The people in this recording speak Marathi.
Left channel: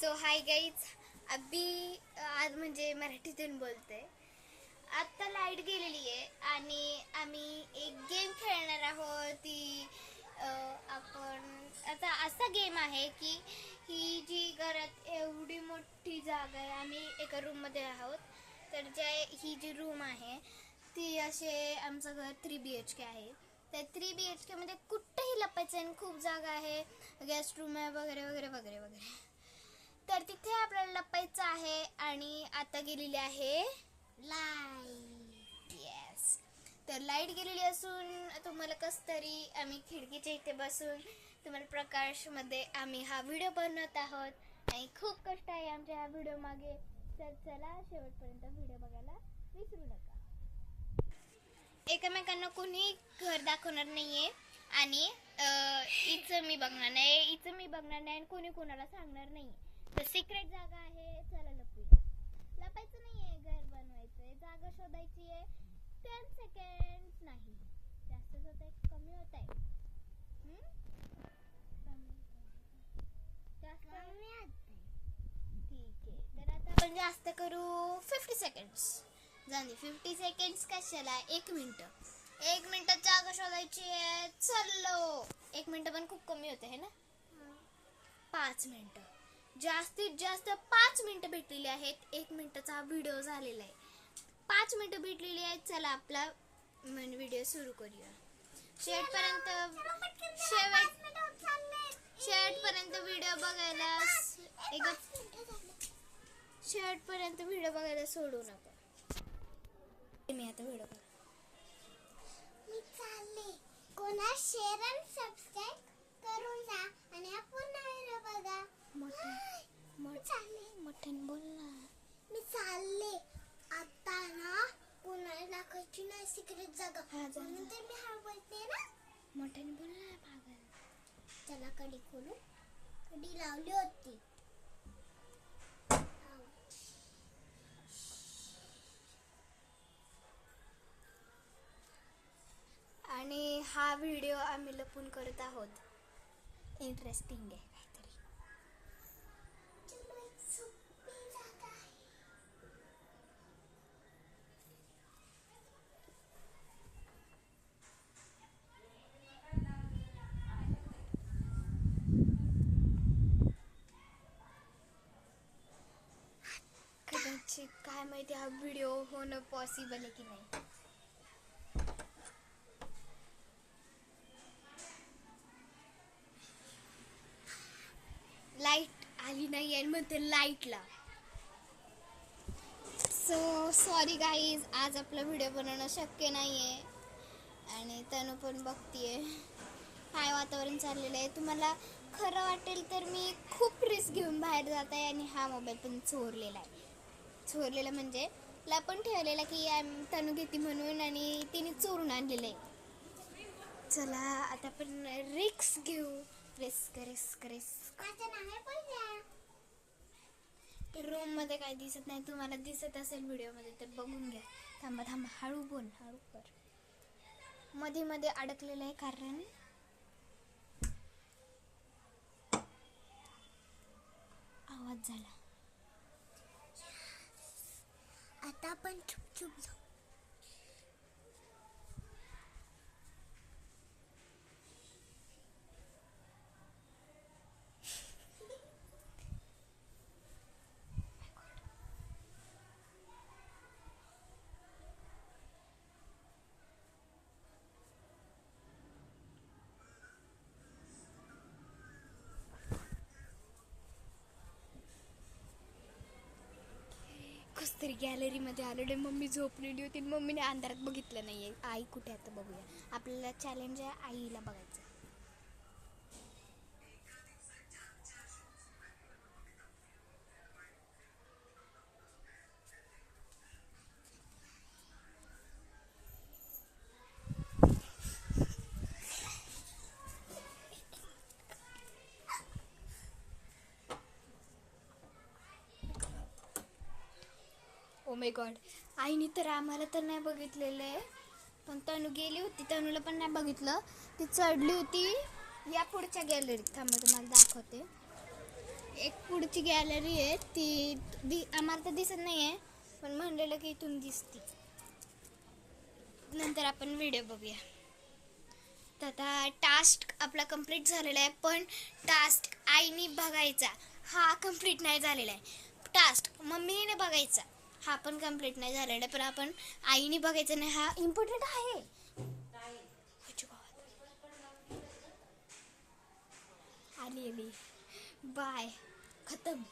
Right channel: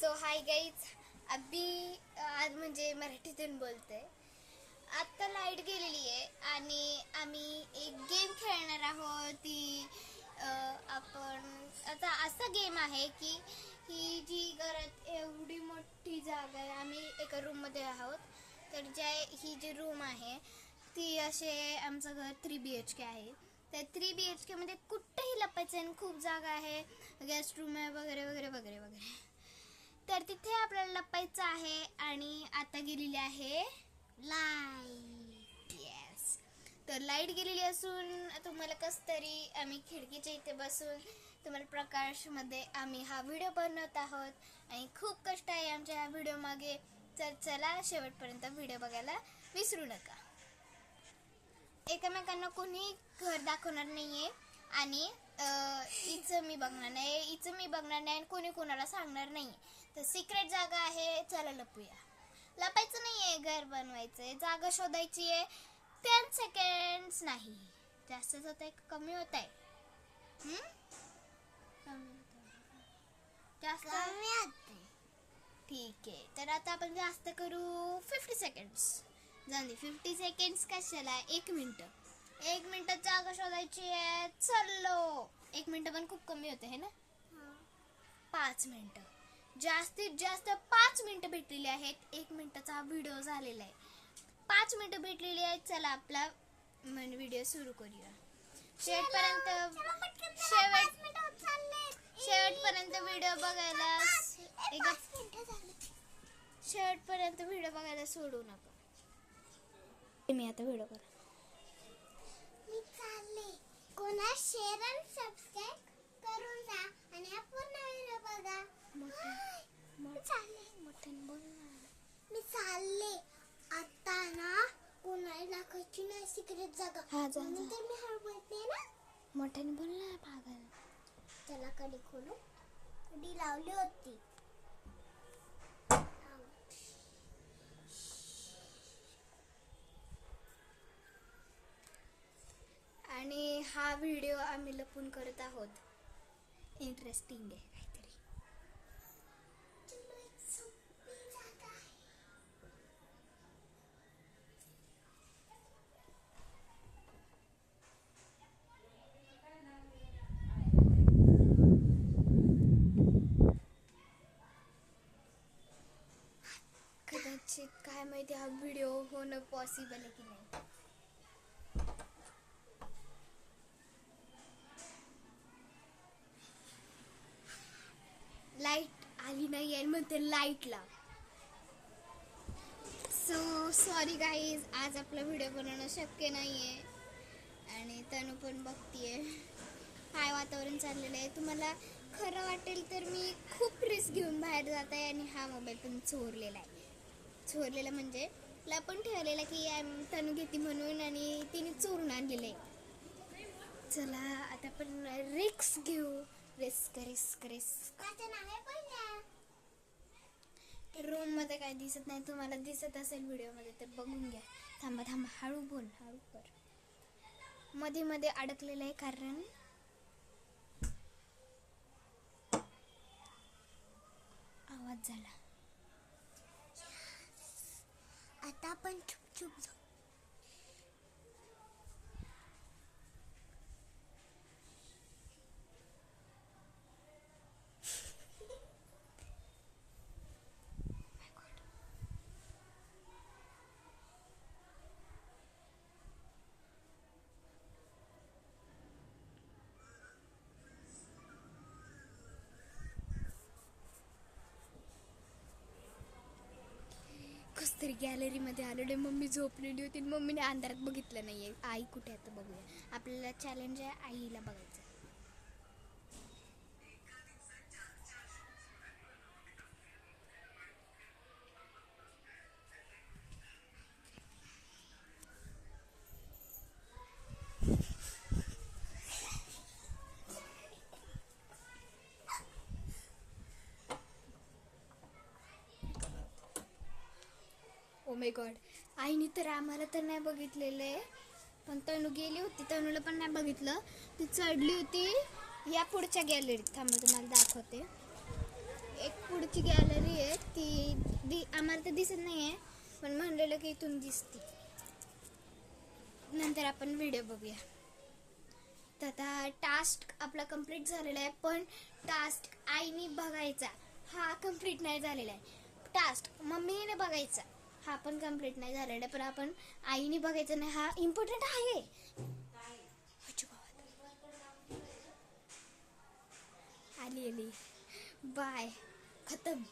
सो हाय गाईज, अभी आज म्हणजे मराठीतून बोलते. आत्ता लाईट गेलेली आहे आणि आम्ही एक गेम खेळणार आहोत. ती आपण आता असा गेम आहे की ही जी घरात एवढी मोठी जागा आहे, आम्ही एका रूममध्ये आहोत. तर ही जी रूम आहे ती असे आमचं घर 3BHK आहे. त्या 3BHK मध्ये कुठेही लपायचं आणि खूप जागा आहे, गेस्ट रूम आहे वगैरे वगैरे वगैरे वगैरे. तर तिथे आपल्याला लपायचं आहे आणि आता गेलेली आहे लाईट. येस, तर लाईट गेलेली असून तुम्हाला कसं तरी आम्ही खिडकीच्या इथे बसून तुम्हाला प्रकाशमध्ये आम्ही हा व्हिडिओ बनवत आहोत आणि खूप कष्ट आहे आमच्या ह्या व्हिडिओ मागे. तर चला शेवटपर्यंत व्हिडिओ बघायला विसरू नका. एकमेकांना कोणी घर दाखवणार नाहीये आणि हिचं मी बघणार नाही आणि कोणी कोणाला सांगणार नाही. तर सिक्रेट जागा आहे, चला लपूया. लपायचं नाहीये, घर बनवायचंय, जागा शोधायची आहे. 10 सेकंड्स नाही, जास्तच होत आहे, कमी होत आहे. जास्त ठीक आहे. तर आता आपण जास्त करू 50 सेकंड्स. झाली 50 सेकंड्स कशाला, 1 मिनिट जागा शोधायची आहे. चलो, 1 मिनिट पण खूप कमी होते है ना. 5 मिनिटं, जास्तीत जास्त 5 मिनिटं भेटलेली आहेत. 1 मिनिटाचा व्हिडिओ झालेला आहे, 5 मिनिटं भेटलेली आहेत. चला आपला व्हिडिओ सुरू करूया. शेवटपर्यंत व्हिडिओ बघायला शेवटपर्यंत व्हिडिओ बघायला सोडू नका. मी आता व्हिडिओ मी चालले. कोणा शेअर आणि सबस्क्राइब करून जा आणि हा पूर्ण व्हिडिओ बघा. मोठ्याने बोल ना. मी चालले आता ना, कोणाला दाखवायची नाही सिक्रेट जागा. म्हणून तर मी हळू बोलते ना. मोठ्याने बोल ना पागल. चला कडी खोलू. कडी लावली होती. आणि हा व्हिडिओ आम्ही लपून करत आहोत. इंटरेस्टिंग आहे काहीतरी. कदाचित काय माहिती हा व्हिडिओ होणं पॉसिबल आहे की नाही. लाईट आली नाही आणि म्हणतो लाईटला. सो सॉरी गाईज, आज आपला व्हिडिओ बनवणं शक्य नाहीये. आणि तनु पण बघतीये काय वातावरण चाललेलं आहे. तुम्हाला खरं वाटेल तर मी खूप रिस्क घेऊन बाहेर जात आहे आणि हा मोबाईल पण चोरलेला म्हणजे लपून ठेवलेला की तनु घेते म्हणून, आणि तिने चोरून आणलेलं आहे. चला आता आपण रिस्क घेऊ. रिस्क. रूम मध्ये काय दिसत नाही, तुम्हाला दिसत असेल व्हिडिओ मध्ये तर बघून घ्या. थांबा, हळू बोल, हळू कर. मध्ये अडकलेलं आहे कारण आवाज झाला. आता आपण चुप जाऊ. तरी गॅलरी मध्ये आलेले. मम्मी झोपलेली होती, मम्मीने अंधारात बघितलं नाहीये. आई कुठे आता बघूया. आपल्याला चॅलेंज आहे आईला बघायचं. ओ माय गॉड, आईने तर आम्हाला तर नाही बघितलेलं आहे, पण तनु गेली होती, तनुला पण नाही बघितलं. ती चढली होती या पुढच्या गॅलरीत. थांबा तुम्हाला दाखवते. एक पुढची गॅलरी आहे ती आम्हाला तर दिसत नाही आहे, पण म्हणलेलं की इथून दिसते. नंतर आपण व्हिडिओ बघूया. तर आता टास्क आपला कंप्लीट झालेला आहे, पण टास्क आईने बघायचा हा कंप्लीट नाही झालेला आहे. टास्क मम्मीने बघायचा हा पण कंप्लीट नाही झालेला आहे, पण आपण आईने बघायचा नाही हा इम्पॉर्टंट आहे. आली बाय खतम.